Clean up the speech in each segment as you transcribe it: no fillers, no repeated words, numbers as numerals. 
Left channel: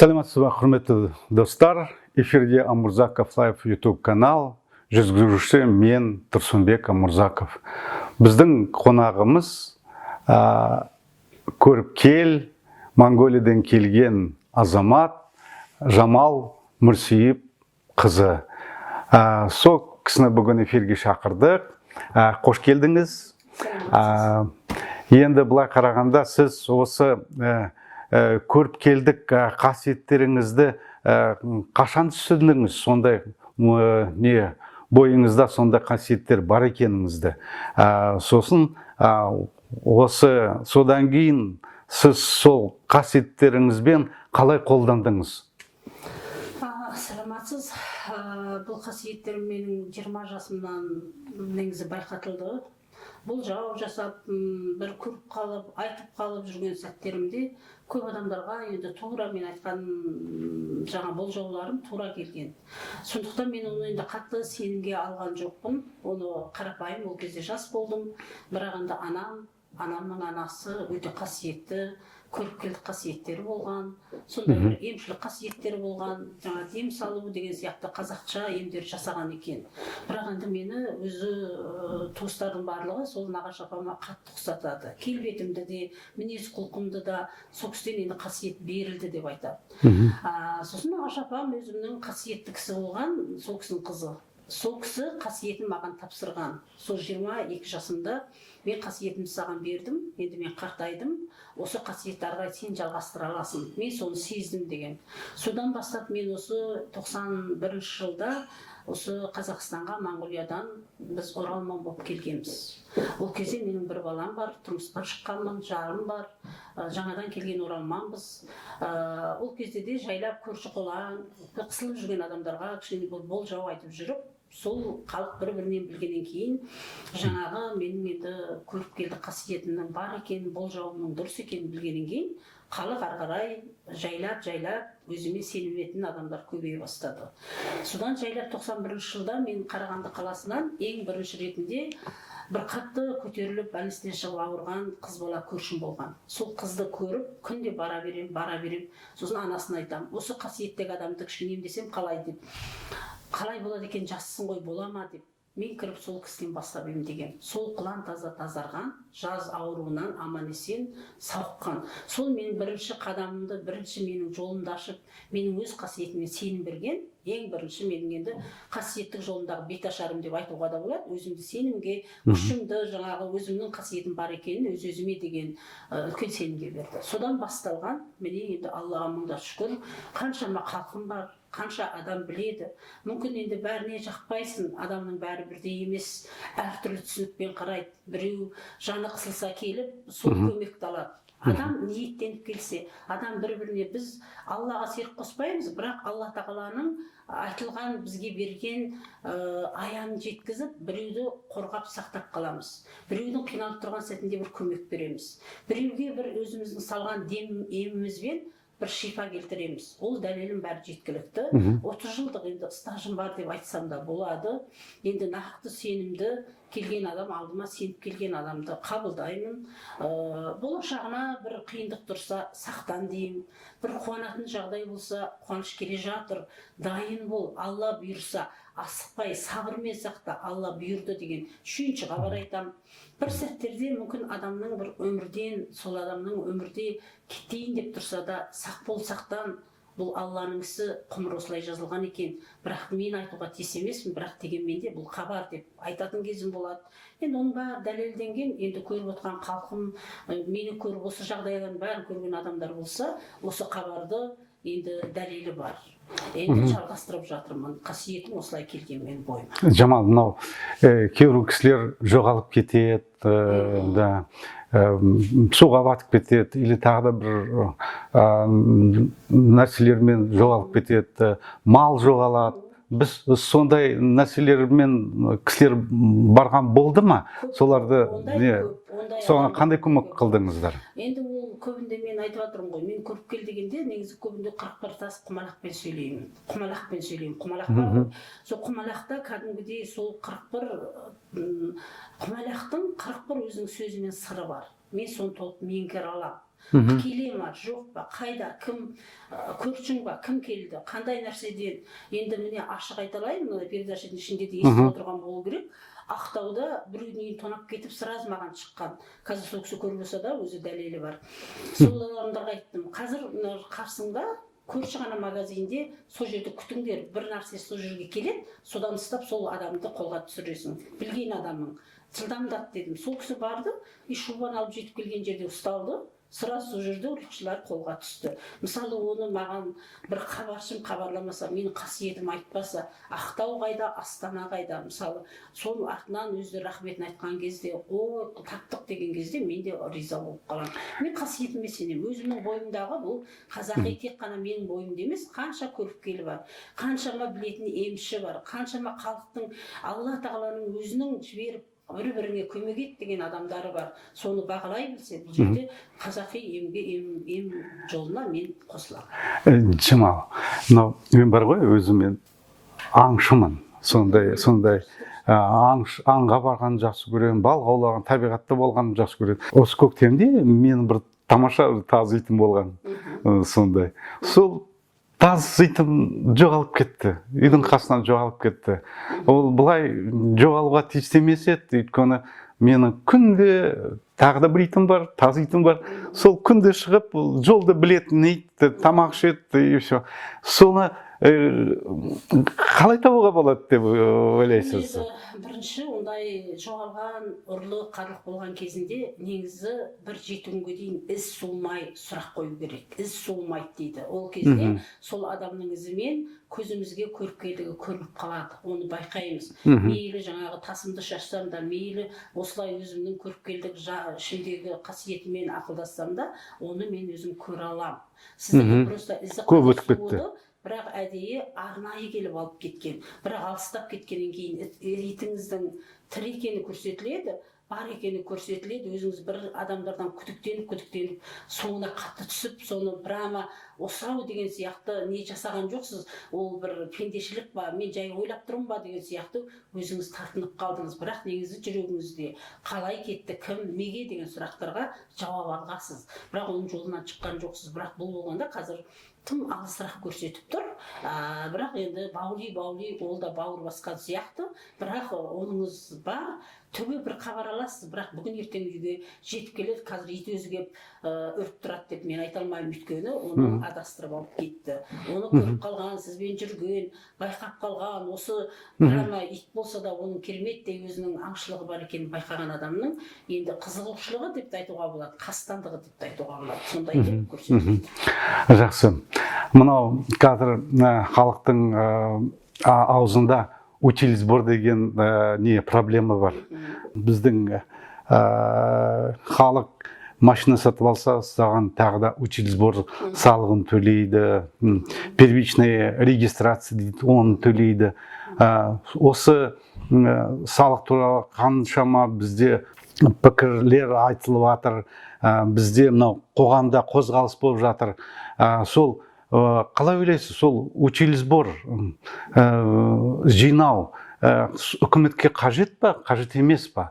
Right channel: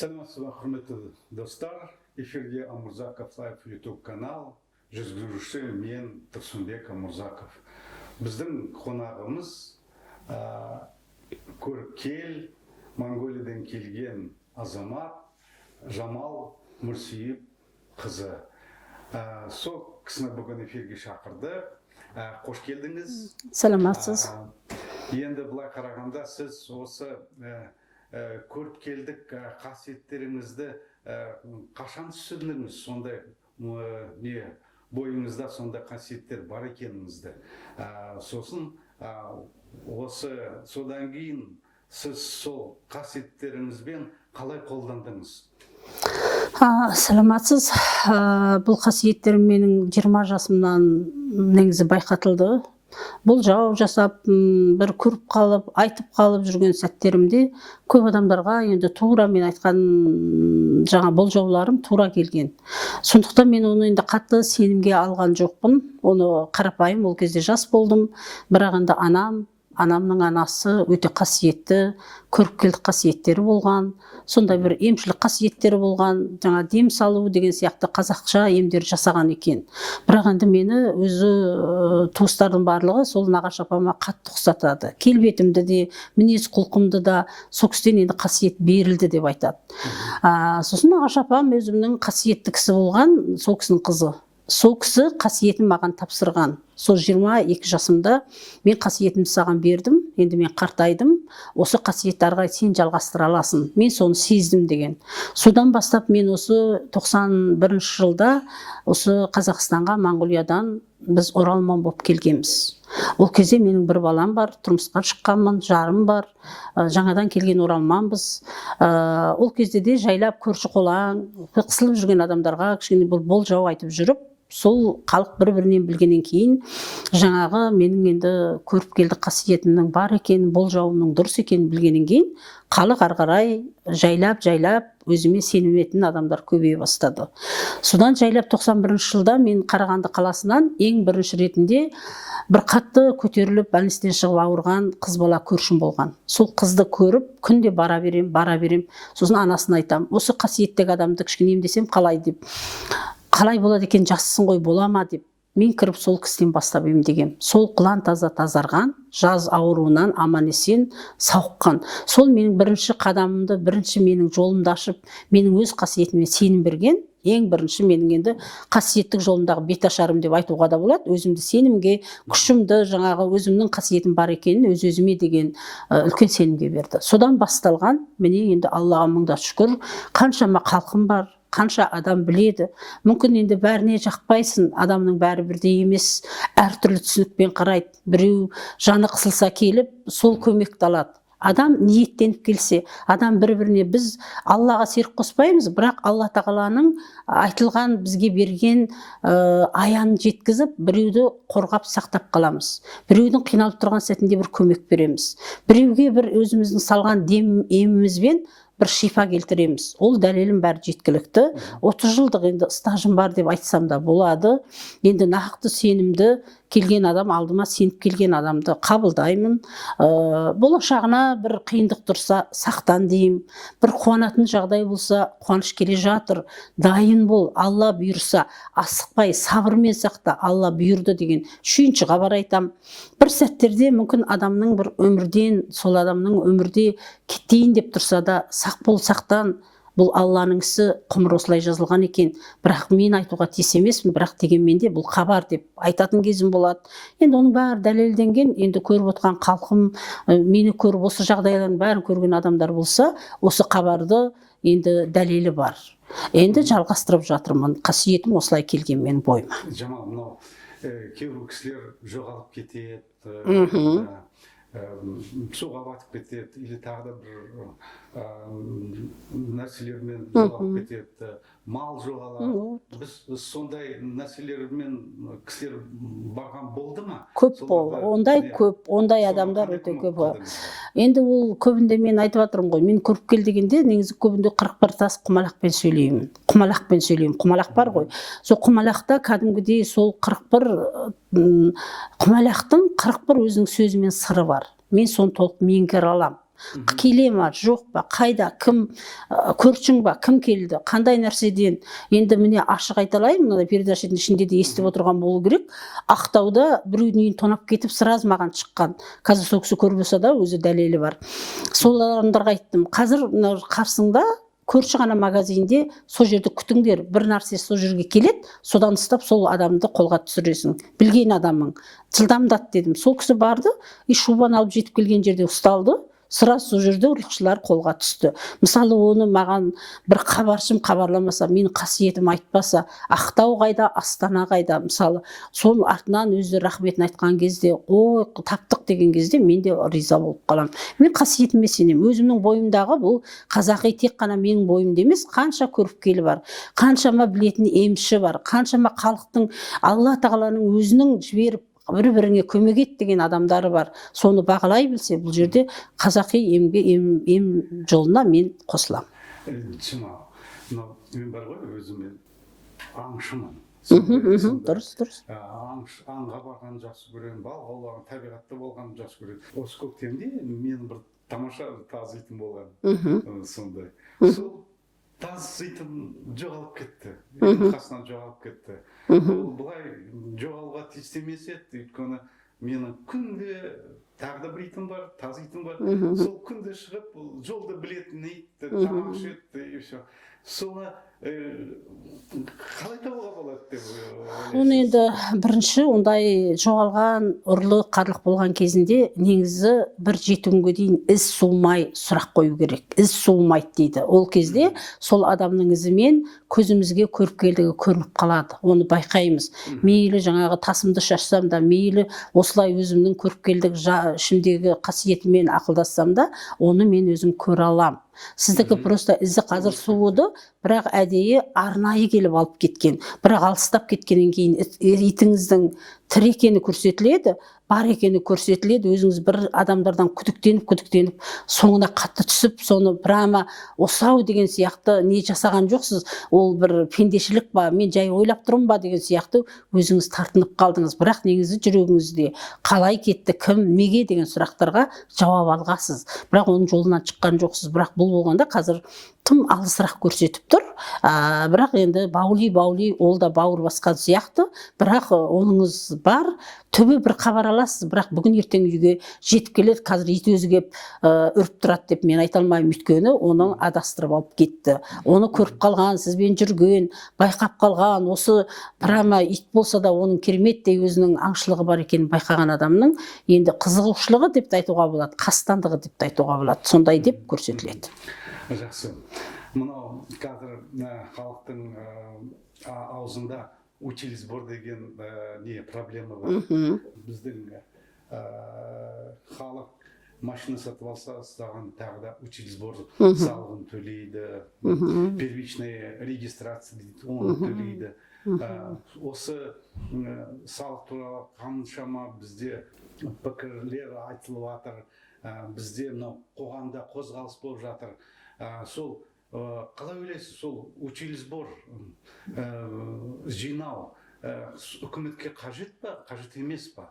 Саламатсыз ба, құрметті достар. Эфирде Амурзаков Лайф YouTube канал. Жүргізуші мен Тұрсынбек Амурзаков. Біздің қонағымыз көріпкел Монголиядан келген азамат Жамал Мүрсейіп қызы. Сол кісіні бүгін эфирге шақырдық. Қош келдіңіз. Саламатсыз. Енді былай қарағанда сіз осы көріпкелдік қасиеттеріңізді қашан түсіндіңіз? Сондай бойыңызда сондай қасиеттер бар екеніңізді. Сосын содан кейін сіз сол қасиеттеріңізбен қалай қолдандыңыз? Саламатсыз. Бұл қасиеттер менің 20 жасымнан негізі байқатылды. Бұл жау жасап, бір көріп қалып, айтып қалып жүрген сәттерімде көп адамдарға енді тура мен айтқан жаңа бұл жауларым тура келген. Сондықтан мен оны енді қатты сенімге алған жоқпын. Оны қарапайым, ол кезде жас болдым. Бірақ енді анамның анасы өте қасиетті, көріпкелдік қасиеттері болған. Сондай бір емшілік қасиеттері болған, жаңа дем салу деген сияқты қазақша емдер жасаған екен. Бірақ енді мені өзі туыстардың барлығы сол нағашы апама қатты ұқсатады. Келбетімді де, мінез құлқымды да сол кісіден енді қасиет берілді деп айтады. Сосын нағашы апам өзімнің қасиетті кісі болған, сол кісінің қызы. Сол кісі қасиетін маған тапсырған. Сол 22 жасымда мен қасиетімді саған бердім, енді мен қартайдым, осы қасиетті ары қарай сен жалғастыра аласың. Мен соны сездім деген. Содан бастап мен осы 91 жылда осы Қазақстанға, Монголиядан біз оралман болып келгенбіз. Ол кезде менің бір балам бар, тұрмысқа шыққанмын, жарым бар, жаңадан келген оралманбыз. Ол кезде де жайлап көрші қолаң, қысылып жүрген адамдарға кішкене бұл жау айтып жүріп, сол халық бір-бірінен білгеннен кейін жаңағы менің енді көріпкелдік қасиетімнің бар екенін, бұл жауымның дұрыс екенін білгеннен кейін халық ары қарай жайлап өзіме сеніметін адамдар көбейе бастады. Содан жайлап 91 жылда мен Қарағанды қаласынан ең бірінші ретінде бір қатты көтеріліп больницадан шығып ауырған қыз бала көршім болған. Сол қызды көріп күнде бара берем. Сосын анасына айтам, осы қасиеттегі адамды кішкене емдесем қалай деп. Қалай болады екен, жассың ғой, бола ма деп. Мен кіріп сол кісіден бастап емдегем. Сол құлан тазарған, жаз ауруынан аман есен сауыққан. Сол менің бірінші қадамымды, бірінші менің жолымды ашып, менің өз қасиетіме сенім берген. Ең бірінші менің енді қасиеттік жолымдағы беташарым деп айтуға да болады. Өзімді сенімге, күшімді, жаңағы өзімнің қасиетім бар екенін өз-өзіме деген үлкен сенімге берді. Содан басталған, міне енді Аллаға мыңда шүкір, қаншама халқым бар, қанша адам біледі. Мүмкін енді бәріне жақпайсың, адамның бәрі бірдей емес, әртүрлі түсінікпен қарайды. Біреу жаны қысылса келіп, сол көмекті алады. Адам ниеттеніп келсе, адам бір-біріне біз Аллаға серік қоспаймыз, бірақ Алла тағаланың айтылған бізге берген аянын жеткізіп, біреуді қорғап сақтап қаламыз. Біреудің қиналып тұрған сәтінде бір көмек береміз. Біреуге бір өзіміздің салған емімізбен бір шифа келтіреміз. Ол дәлелім бәрі жеткілікті. 30 жылдық енді стажым бар деп айтсам да болады. Енді нақты сенімді келген адам, алдыма сеніп келген адамды қабылдаймын. Болашағына бір қиындық тұрса, сақтан деймін. Бір қуанатын жағдай болса, қуаныш келе жатыр, дайын бол, Алла бұйырса, асықпай, сабырмен сақта, Алла бұйырды деген шүйіншіға бар айтам. Бір сәттерде мүмкін адамның бір өмірден, сол адамның өмірде кетейін деп тұрса да, сақ бол, сақтан. Бұл Алланың ісі, құмыр осылай жазылған екен. Бірақ мен айтуға тиіс емеспін, бірақ дегенмен де бұл хабар деп айтатын кезім болады. Енді оның бәрі дәлелденген, енді көріп отқан халқым, мені көріп осы жағдайлардың бәрін көрген адамдар болса, осы хабарды енді дәлелі бар. Енді жалғастырып жатырмын. Қасиетім осылай келген менің бойыма. Жамал, мынау кейбір кісілер жоғалып кетеді, суға батып кетеді, или тағы да бір нәрселермен жоғалып кетеді, мал жоғалады. Біз сондай нәрселермен кісілер барған болды ма? Көп, ондай көп, ондай адамдар. Қандай көмек қылдыңыздар? Енді ол көбінде мен айтып жатырмын ғой, мен көріпкел дегенде негізі көбінде 41 тас құмалақпен сөйлеймін. Құмалақ бар ғой. Сол құмалақта кәдімгідей сол 41 құмалақтың 41 өзінің сөзі мен сыры бар. Мен соны толық меңгере аламын. келе ма жоқ па, қайда, кім, көршің ба, кім келді, қандай нәрседен. Енді міне ашық айталайын, мына передачаның ішінде де естіп отырған болу керек. Ақтауда біреудің үйін тонап кетіп сразу маған шыққан, қазір сол кісі көрмесе да өзі дәлелі бар. Сол адамдарға айттым, қазір қарсыңда көрші ғана магазинде сол жерде күтіңдер, бір нәрсе сол жерге келеді, содан ұстап сол адамды қолға түсіресің, білген адамың, жылдамдат дедім. Сол кісі барды, шубаны алып жетіп келген жерде ұсталды, сразу сол жерде ұрлықшылар қолға түсті. Мысалы, оны маған бір хабаршым хабарламаса, менің қасиетім айтпаса, Ақтау қайда, Астана қайда, мысалы, сол артынан өзі рахметін айтқан кезде, ой, таптық деген кезде мен де риза болып қаламын. Мен қасиетіме сенемін. Өзімнің бойымдағы бұл қазақи тек қана менің бойымда емес, қанша көріпкелі бар, қаншама білетін емші бар, қаншама халықтың Алла тағаланың өзінің жіберіп бір-біріңе көмек ет деген адамдары бар. Соны бағалай білсе, бұл жерде қазақи ем жолына мен қосыламын. Жамал, мен бар ғой, өзім аңшымын. Сондай аңға барған жақсы көремін, балық аулаған, табиғатта болған жақсы көремін. Осы көктемде мен бір тамаша таз итім болған. Сондай. Сол таз итім жоғалып кетті. Үйдің қасынан жоғалып кетті. Ол былай жоғалуға тиісті емес еді, өйткені менің күнде тағы да бір итім бар, таз итім бар. Сол күнде шығып, жолды білетін ит, тамақ ішеді и все. Соны қалай табуға болады деп ойлайсыз? Енді бірінші ондай жоғалған, ұрлық, қарлық болған кезінде негізі бір 7 күнге дейін із суымай сұрақ қою керек. Із суымайды дейді. Ол кезде сол адамның ізімен көзімізге көріпкелдігі көрініп қалады. Оны байқаймыз. Мейлі жаңағы тасымды шашсам да, мейлі осылай өзімнің көріпкелдік ішімдегі қасиетімен ақылдассам да, оны мен өзім көре аламын. Сіздікі просто ізі қазір суыды, бірақ әдейі арнайы келіп алып кеткен. Бірақ алыстап кеткеннен кейін итіңіздің тірі екені көрсетіледі, бар екені көрсетіледі. Өзіңіз бір адамдардан күдіктеніп, соңына қатты түсіп, соны прямо осау деген сияқты не жасаған жоқсыз, ол бір пендешілік ба, мен жай ойлап тұрмын ба деген сияқты өзіңіз тартынып қалдыңыз. Бірақ негізі жүрегіңізде қалай кетті, кім, неге деген сұрақтарға жауап алғасыз. Бірақ оның жолынан шыққан жоқсыз. Бірақ бұл болғанда қазір тым алысырақ көрсетіп тұр. Бірақ енді баули ол да бауыр басқан сияқты. Бірақ оныңыз бар, түбі бір хабар аласыз. Бірақ бүгін ертең үйге жетіп келеді, қазір ит өзі келіп үріп тұрады деп мен айта алмаймын, өйткені оны адастырып алып кетті. Оны көріп қалған, сізбен жүрген, байқап қалған, осы прямо ит болса да оның кереметтей өзінің аңшылығы бар екенін байқаған адамның енді қызығушылығы деп те айтуға болады, қастандығы деп те айтуға болады. Сондай деп көрсетіледі. Жақсы. Мынау қазір халықтың аузында учили сбор деген не проблема бар. Біздің халық машина сатып алса, саған тағы да учили сбор салығын төлейді, первичная регистрация дейді, оны төлейді. Осы салық туралы қаншама бізде пікірлер айтылып жатыр, бізде мынау қоғамда қозғалыс болып жатыр. Сол қалай ойлайсыз, сол учили сбор жинау үкіметке қажет па, қажет емес па?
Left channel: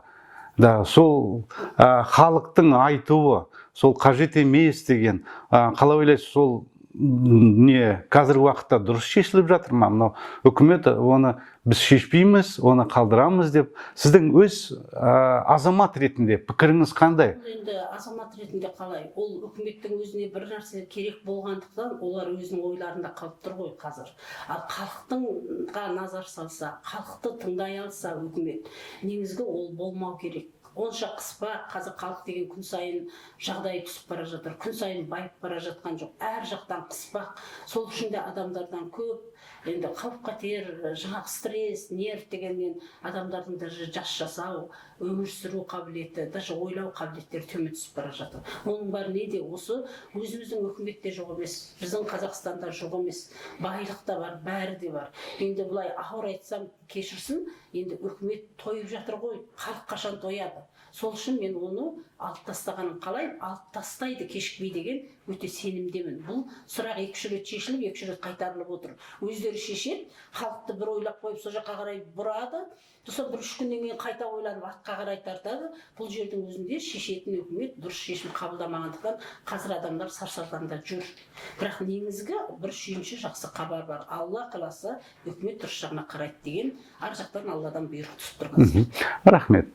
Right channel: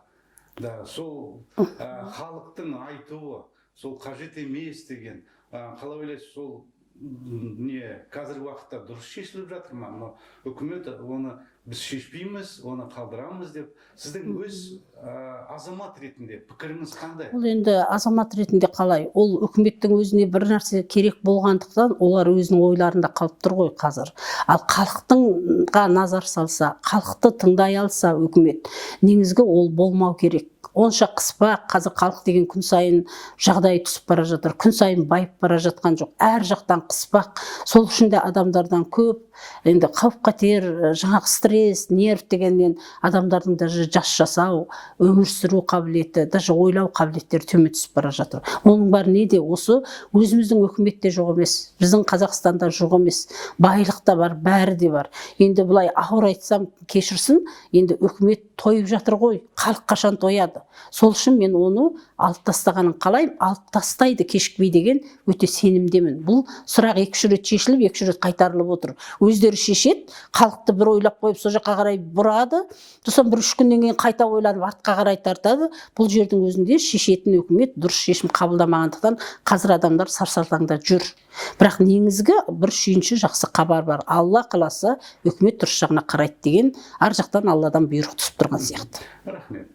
Сол халықтың айтуы, сол қажет емес деген, қалай ойлайсыз, сол не қазіргі уақытта дұрыс шешіліп жатыр ма? Мынау үкімет оны біз шешпейміз, оны қалдырамыз деп. Сіздің өз азамат ретінде пікіріңіз қандай? Ол енді азамат ретінде қалай? Ол үкіметтің өзіне бір нәрсе керек болғандықтан, олар өзінің ойларында қалып тұр ғой қазір. Ал халықтыңға назар салса, халықты тыңдай алса үкімет, негізгі ол болмау керек. Онша қыспақ, қазір халық деген күн сайын жағдай түсіп бара жатыр, күн сайын байып бара жатқан жоқ. Әр жақтан қыспақ, сол үшін де адамдардан көп, енді қауіп-қатер, жаңағы стресс, нерв дегеннен адамдардың даже жас жасау, өмір сүру қабілеті, даже ойлау қабілеттері төмен түсіп бара жатыр. Оның бәрі неде? Осы өзіміздің үкіметте жоқ емес, біздің Қазақстанда жоқ емес, байлық та бар, бәрі де бар. Енді бұлай ауыр айтсам кешірсін, енді үкімет тойып жатыр ғой, халық қашан тояды? қояды. Сол үшін мен оны алып тастағанын қалаймын. Алып тастайды кешікпей деген өте сенімдемін. Бұл сұрақ 2-3 рет шешіліп, 2-3 рет қайтарылып отыр. Өздері шешеді, халықты бір ойлап қойып, сол жаққа қарай бұрады. Сосын 1-3 күннен кейін қайта ойланып, артқа қарай тартады. Бұл жердің өзінде шешетін үкімет дұрыс шешім қабылдамағандықтан қазір адамдар сарсалтаңда жүр. Бірақ негізгі бір сүйінші жақсы хабар бар. Алла қаласа үкімет дұрыс жағына қарайды деген ар жақтан Алладан бұйрық түсіп тұрған сияқты. Рахмет.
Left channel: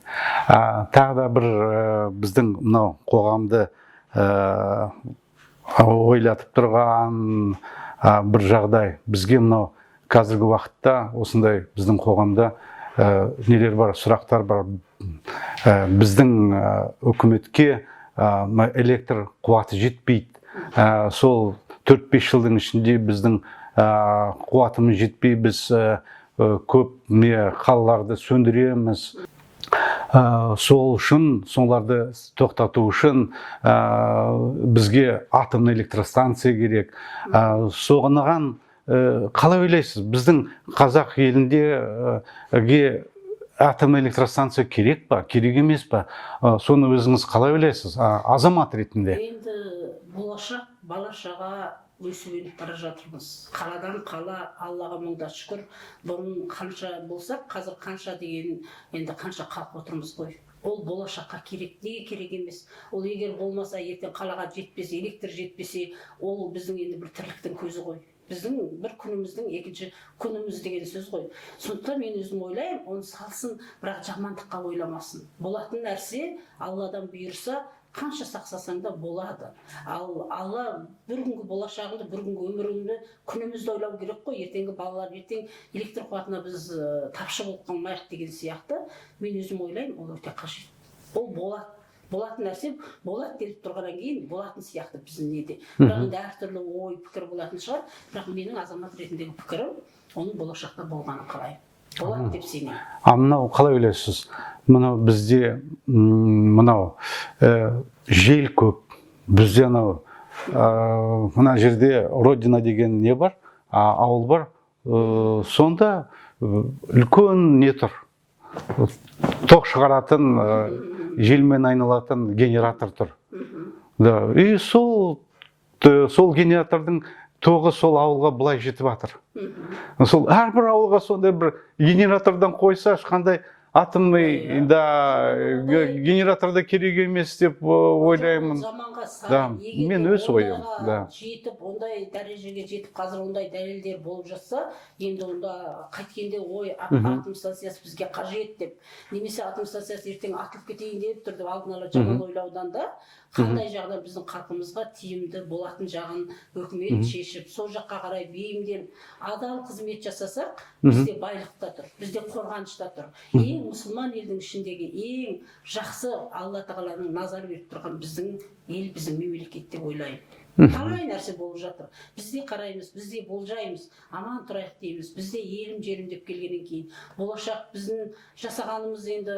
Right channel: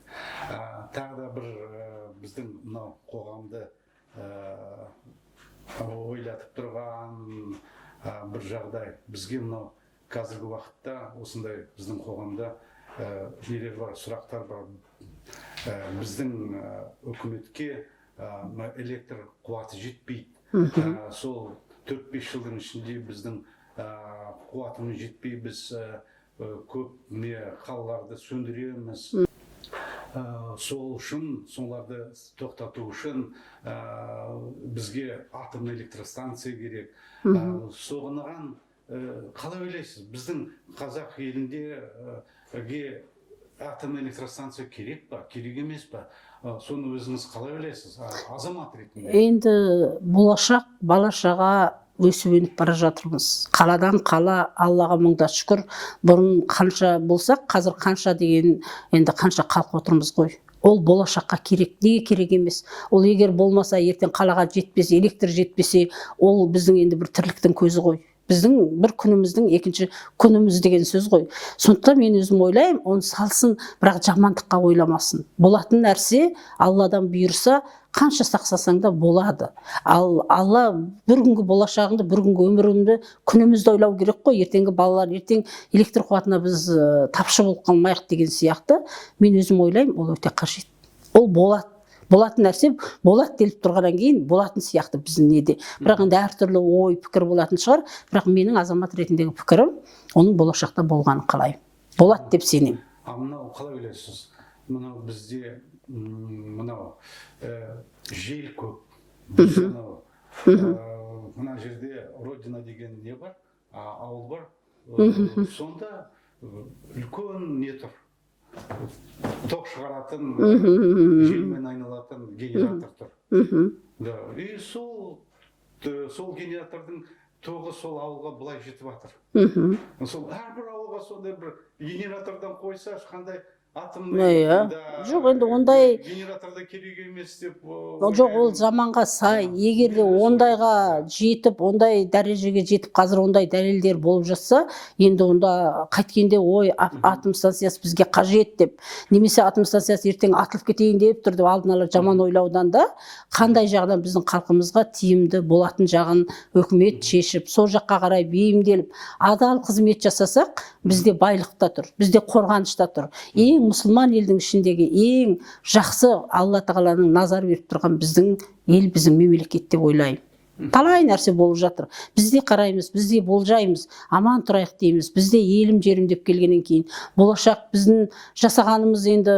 Тағы да бір біздің мынау қоғамды ойлатып тұрған бір жағдай. Бізге мынау қазіргі уақытта осындай біздің қоғамда нелер бар, сұрақтар бар. Біздің үкіметке электр қуаты жетпейді. Сол 4-5 жылдың ішінде біздің қуатымыз жетпей, біз көп қалаларды сөндіреміз. Сол үшін, соларды тоқтату үшін бізге атомный электростанция керек. Соғынаған қалай ойлайсыз? Біздің қазақ елінде атомный электростанция керек па, керек емес па? Соны өзіңіз қалай ойлайсыз, азамат ретінде? Енді болашақ бала-шаға өсіп-өніп бара жатырмыз. Қаладан қала, Аллаға мыңда шүкір. Бұрын қанша болсақ, қазір қанша деген, енді қанша қалып отырмыз ғой. Ол болашаққа керек, неге керек емес? Ол егер болмаса, ертең қалаға жетпесе, электр жетпесе, ол біздің енді бір тірліктің көзі ғой. Біздің бір күніміздің екінші күніміз деген сөз ғой. Сондықтан мен өзім ойлаймын, оны салсын, бірақ жамандыққа ойламасын. Болатын нәрсе Алладан бұйырса, қанша сақсасаң да болады. Ал Алла бір күнгі болашағыңды, бір күнгі өміріңді, күнімізді ойлау керек қой. Ертеңгі балалар, ертең электр қуатына біз тапшы болып қалмайық деген сияқты. Мен өзім ойлаймын, ол өте қажет. Ол болады. Болатын нәрсе болады деліп тұрғаннан кейін болатын сияқты біздің неде. Бірақ енді әртүрлі ой, пікір болатын шығар. Бірақ менің азамат ретіндегі пікірім, оның болашақта болғанын қалаймын. Болады деп сенемін. Мынау қалай ойлайсыз? Мынау бізде мынау жел көп. Бізде мына жерде Родина деген не бар, ауыл бар. Сонда үлкен не тұр? Тоқ шығаратын, желмен айналатын генератор тұр. И сол генератордың тоғы сол ауылға былай жетіп жатыр. Сол әрбір ауылға сондай бір генератордан қойса, ешқандай атомный генераторда керек емес деп ойлаймын. Ол заманға сай. Егер де ондайға жетіп, ондай дәрежеге жетіп, қазір ондай дәлелдер болып жатса, енді онда қайткенде ой, атом станциясы бізге қажет деп, немесе атом станциясы ертең атылып кетейін деп тұр деп алдын ала жаман ойлаудан да, қандай жағынан біздің халқымызға тиімді болатын жағын үкімет шешіп, сол жаққа қарай бейімделіп, адал қызмет жасасақ, бізде байлықта тұр, бізде қорғанышта тұр. Мұсылман елдің ішіндегі ең жақсы Алла тағаланың назар беріп тұрған біздің ел, біздің мемлекет деп ойлаймын. Талай нәрсе болып жатыр. Бізде қараймыз, бізде болжаймыз, аман тұрайық дейміз. Бізде елім жерім деп келгеннен кейін болашақ біздің жасағанымыз енді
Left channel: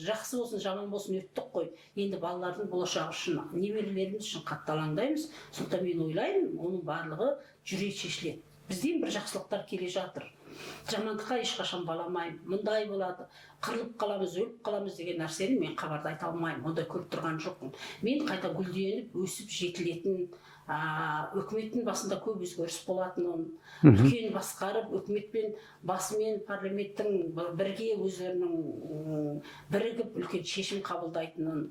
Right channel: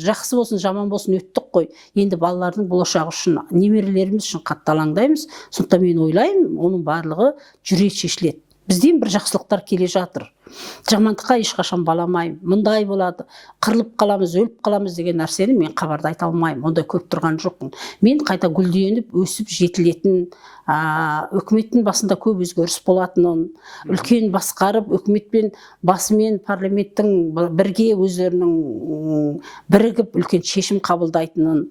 жақсы болсын, жаман болсын өттік қой. Енді балалардың болашағы үшін, немерелеріміз үшін қатты алаңдаймыз. Сондықтан мен ойлаймын, оның барлығы жүре шешіледі. Бізден бір жақсылықтар келе жатыр. Жамандыққа ешқашан баламаймын. Мұндай болады, қырылып қаламыз, өліп қаламыз деген нәрсені мен хабарда айта алмаймын. Ондай көп тұрған жоқпын. Мен қайта гүлденіп, өсіп жетілетін, үкіметтің басында көп өзгеріс болатынын, үлкен басқарып, үкіметпен басымен парламенттің бірге өздерінің бірігіп үлкен шешім қабылдайтынын,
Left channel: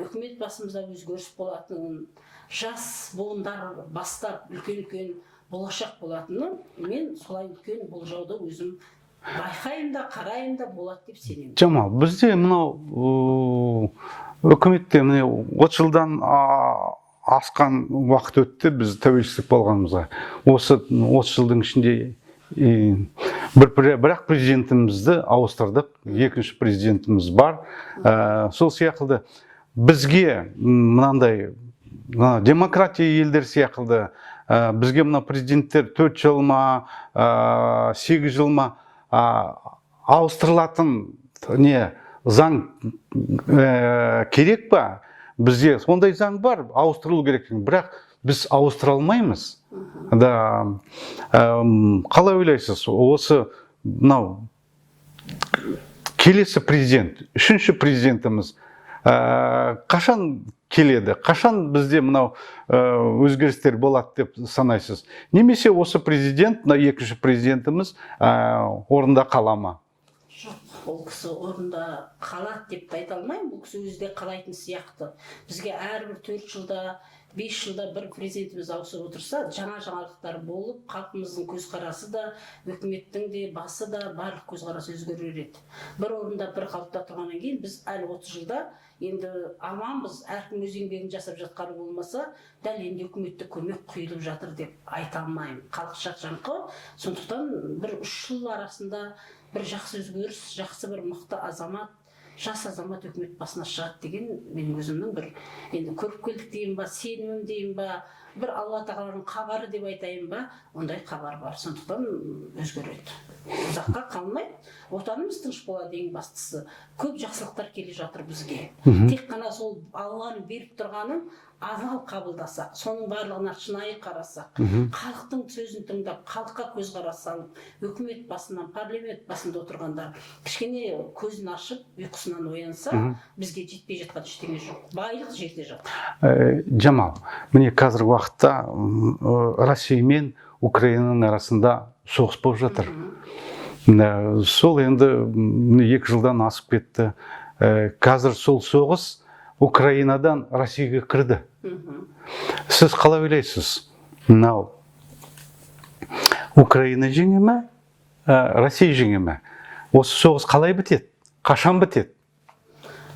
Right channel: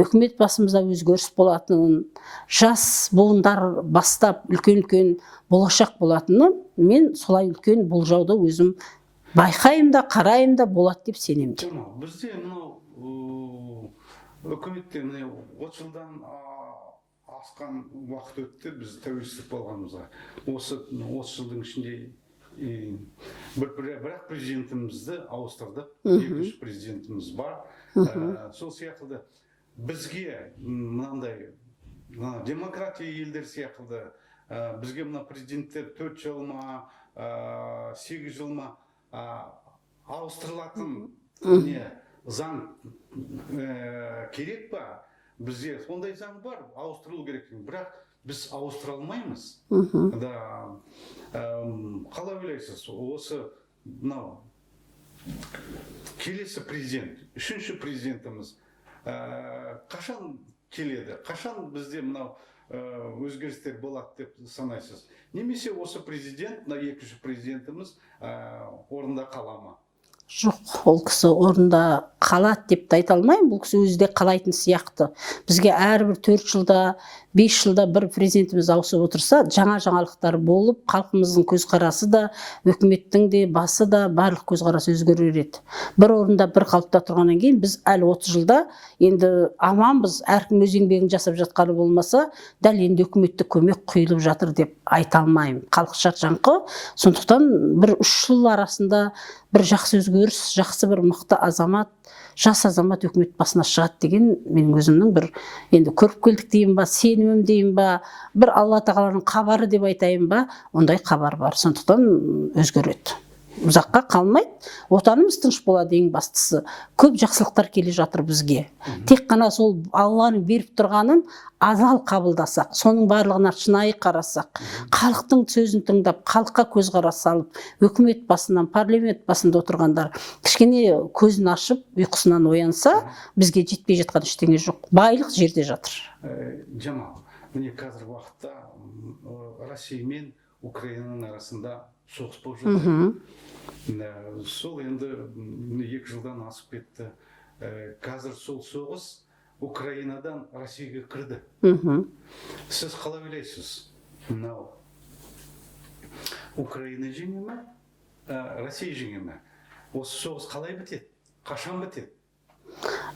үкімет басымызда өзгеріс болатынын, жас буындар бастап үлкен-үлкен болашақ болатыны, мен солай үлкен болжауды өзім байқаймын да, қараймын да, болады деп сенемін. Жамал, бізде мынау үкіметте 30 жылдан асқан уақыт өтті біз тәуелсіздік болғанымызға. Осы 30 жылдың ішінде бірақ президентімізді ауыстырдық, екінші президентіміз бар. Сол сияқылды бізге мынандай демократия елдер сияқылды бізге мына президенттер 4 жыл ма, 8 жыл ма ауыстырылатын заң керек па? Бізде сондай заң бар, ауыстырылу керек. Бірақ біз ауыстыра алмаймыз. Қалай ойлайсыз? Осы келесі президент, үшінші президентіміз қашан келеді, қашан бізде мынау өзгерістер болады деп санайсыз? Немесе осы президент, мына екінші президентіміз орында қала ма? Жоқ, ол кісі орында қалады деп те айта алмаймын. Бұл кісі өзі де қалайтын сияқты. Бізге әрбір 4 жылда, 5 жылда бір президентіміз ауысып отырса, жаңа жаңалықтар болып, халқымыздың көзқарасы да, үкіметтің де, басы да барлық көзқарасы өзгерер еді. Бір орында бір қалыпта тұрғаннан кейін біз әлі 30 жылда енді аманбыз, әркім өз еңбегін жасап жатқаны болмаса, дәл енді үкіметтік көмек құйылып жатыр деп айта алмаймын. Халық шаршаңқы. Сондықтан бір 3 жыл арасында бір жақсы өзгеріс, жақсы бір мықты азамат, жас азамат үкімет басына шығады деген менің өзімнің бір енді көріп келдік дейін ба, сенімім дейін ба, бір Алла тағаланың хабары деп айтайын ба, ондай хабар бар. Сондықтан өзгереді. Ұзаққа қалмайды. Отанымыз тыныш болады ең бастысы. Көп жақсылықтар келе жатыр бізге. Тек қана сол Алланың беріп тұрғанын адал қабылдасақ, соның барлығына шынайы қарасақ, халықтың сөзін тыңдап, халыққа көзқарас салып, үкімет басынан, парламент басында отырғандар кішкене көзін ашып, ұйқысынан оянса, бізге жетпей жатқан ештеңе жоқ. Байлық жерде жатыр. Жамал, міне қазіргі уақытта Россия мен Украинаның арасында соғыс болып жатыр. Сол енді 2 жылдан асып кетті. Қазір сол соғыс Украинадан Россияға кірді. Сіз қалай ойлайсыз? Мынау Украина жеңе ме, Россия жеңе ме? Осы соғыс қалай бітеді? Қашан бітеді?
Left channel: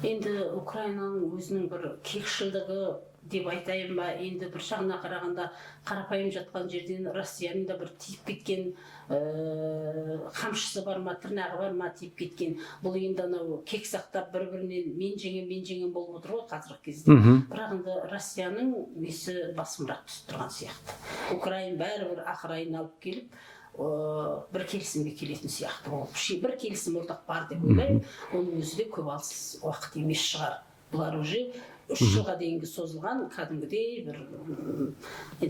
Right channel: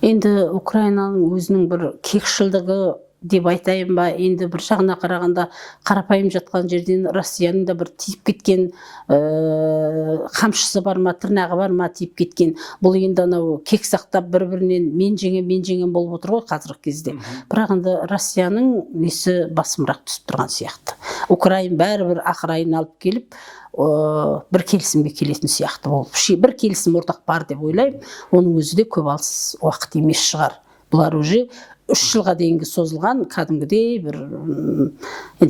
Енді Украинаның өзінің бір кекшілдігі деп айтайын ба, енді бір жағына қарағанда қарапайым жатқан жерден Россияның да бір тиіп кеткен қамшысы бар ма, тырнағы бар ма тиіп кеткен. Бұл енді анау кек сақтап бір-бірінен мен жеңем болып отыр ғой қазіргі кезде. Бірақ енді Россияның несі басымырақ түсіп тұрған сияқты. Украин бәрібір ақырайын алып келіп, бір келісімге келетін сияқты болып. Бір келісім ортақ бар деп ойлаймын. Оның өзі де көп алыс уақыт емес шығар. Бұлар уже 3 жылға дейінгі созылған кәдімгідей бір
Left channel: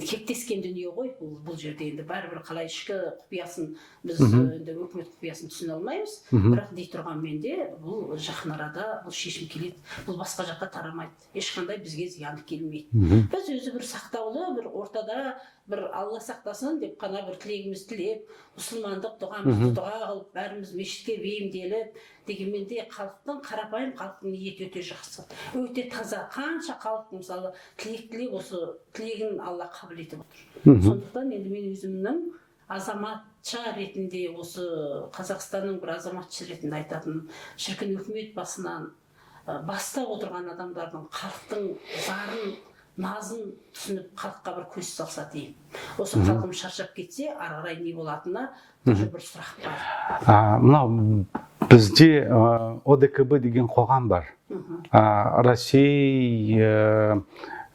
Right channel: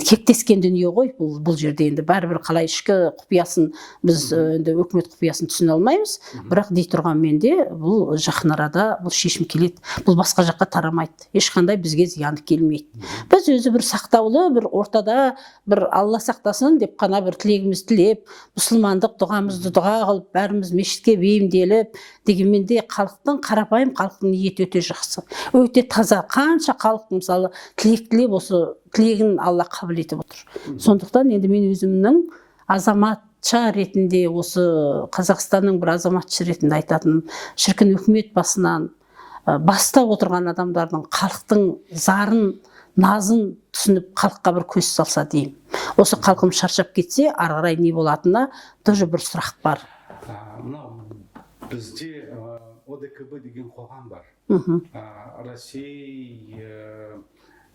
кектескен дүние ғой. Бұл жерде енді бәрібір қалай ішкі құпиясын біз енді үкімет құпиясын түсіне алмаймыз. Бірақ дей тұрғанмен де бұл жақын арада бұл шешім келеді. Бұл басқа жаққа тарамайды. Ешқандай бізге зияны келмейді. Біз өзі бір сақтаулы, бір ортада бір Алла сақтасын деп қана бір тілегіміз тілеп, мұсылмандық дұғамызды дұға қылып, бәріміз мешітке бейімделіп, дегенмен де халықтың, қарапайым халықтың ниеті өте жақсы, өте таза. Қанша халық мысалы тілек тілеп, осы тілегін Алла қабыл етіп отыр. Сондықтан енді мен өзімнің азаматша ретінде, осы Қазақстанның бір азаматшы ретінде айтатыным, шіркін үкімет басынан бастап отырған адамдардың халықтың зарын, назын түсініп, халыққа бір көз салса деймін. Осы халқым шаршап кетсе, ары қарай не болатынына тоже бір сұрақ бар. Мынау бізде ОДКБ деген қоғам бар. Россия,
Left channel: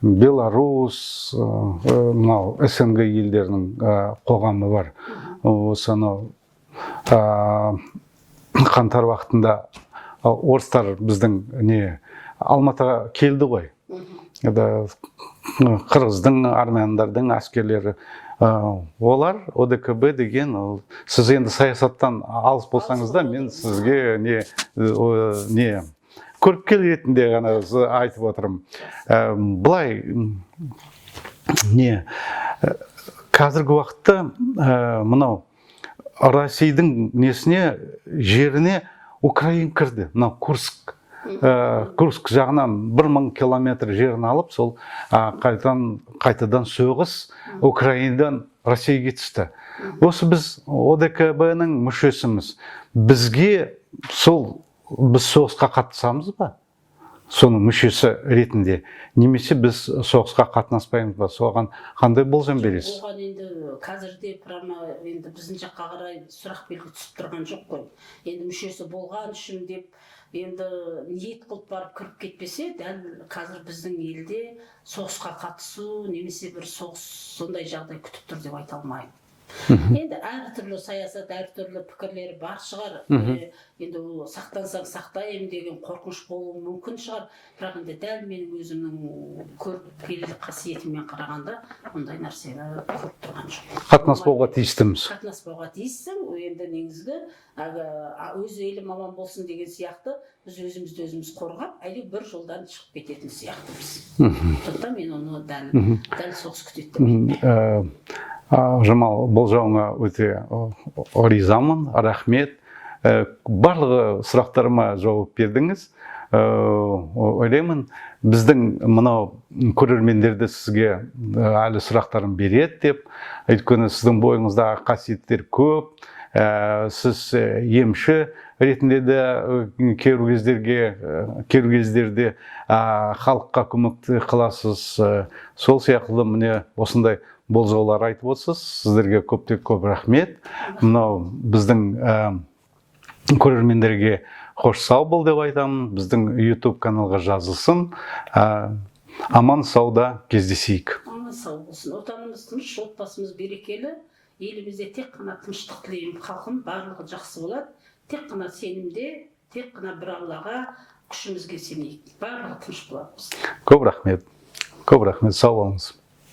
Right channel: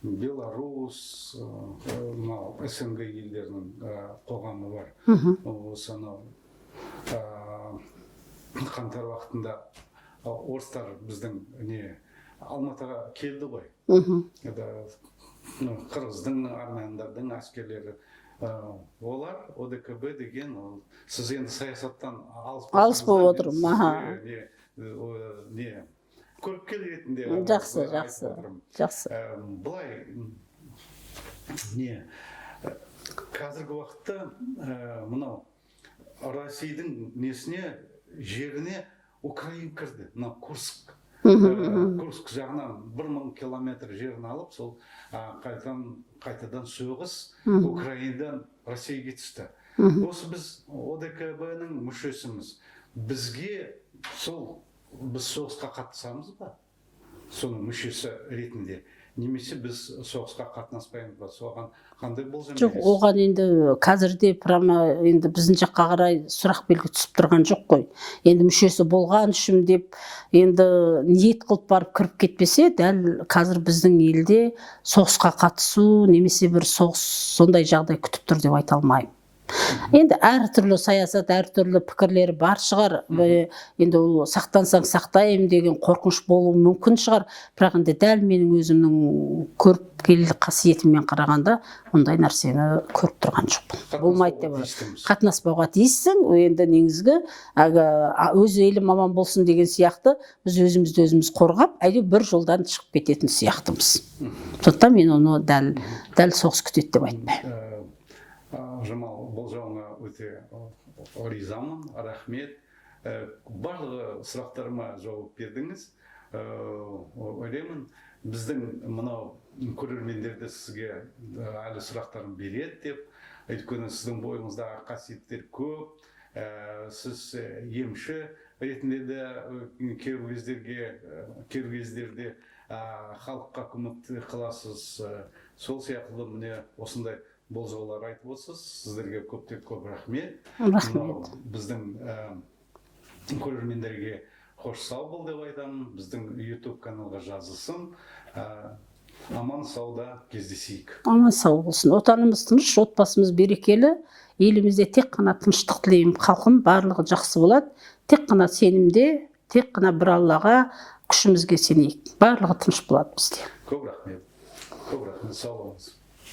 Беларусь, мынау СНГ елдерінің қоғамы бар. Осы анау қаңтар уақытында орыстар біздің Алматыға келді ғой. Қырғыздың, армяндардың әскерлері. Олар ОДКБ деген, сіз енді саясаттан алыс болсаңыз да, мен сізге көріпкел ретінде ғана айтып отырмын. Бұлай, қазіргі уақытта мынау Россияның жеріне Украина кірді. Мынау Курск жағынан 1000 километр жерін алып, сол қайтадан соғыс Украинадан Россияға түсті. Осы біз ОДКБ-ның мүшесіміз. Бізге біз соғысқа қатысамыз ба? Соның мүшесі ретінде. Немесе біз соғысқа қатынаспаймыз ба? Соған қандай болжам бересіз? Оған енді қазірде прямо енді біздің жаққа қарай сұрақ белгі түсіп тұрған жоқ қой. Енді мүшесі болған үшін деп енді ниет қылып барып кіріп кетпесе, дәл қазір біздің елде соғысқа қатысу немесе бір соғыс сондай жағдай күтіп тұр деп айта алмаймын. Енді әртүрлі саясат, әртүрлі пікірлері бар шығар. Енді ол сақтансаң сақтаймын деген қорқыныш болуы мүмкін шығар. Бірақ енді дәл менің өзімнің көріпкелдік қасиетіммен қарағанда ондай нәрсені көріп тұрған жоқпын. Қатынаспауға тиістіміз. Қатынаспауға тиіссің. Енді негізгі өз елім аман болсын деген сияқты біз өзімізді өзіміз қорғап, әйтеуір бір жолдан шығып кететін сияқтымыз. Сондықтан мен оны дәл соғыс күтеді деп айтпаймын. Жамал, бұл жауыңа өте ризамын, рахмет. Барлығы сұрақтарыма жауап бердіңіз. Ойлаймын, біздің мынау көрермендерді сізге әлі сұрақтарын береді деп. Өйткені сіздің бойыңыздағы қасиеттер көп. Сіз емші ретінде де кейбір кездерде халыққа көмек қыласыз. Сол сияқты міне осындай болжаулар айтып отырсыз. Сіздерге көп рахмет. Мынау біздің көрермендерге қош сау бол деп айтамын. Біздің YouTube каналға жазылсын. Аман сауда кездесейік. Аман сау болсын. Отанымыз тыныш, отбасымыз берекелі. Елімізде тек қана тыныштық тілеймін. Халқым барлығы жақсы болады. Тек қана сенімде, тек қана бір Аллаға күшімізге сенейік. Барлығы тыныш болады бізде. Көп рахмет. Сау болыңыз.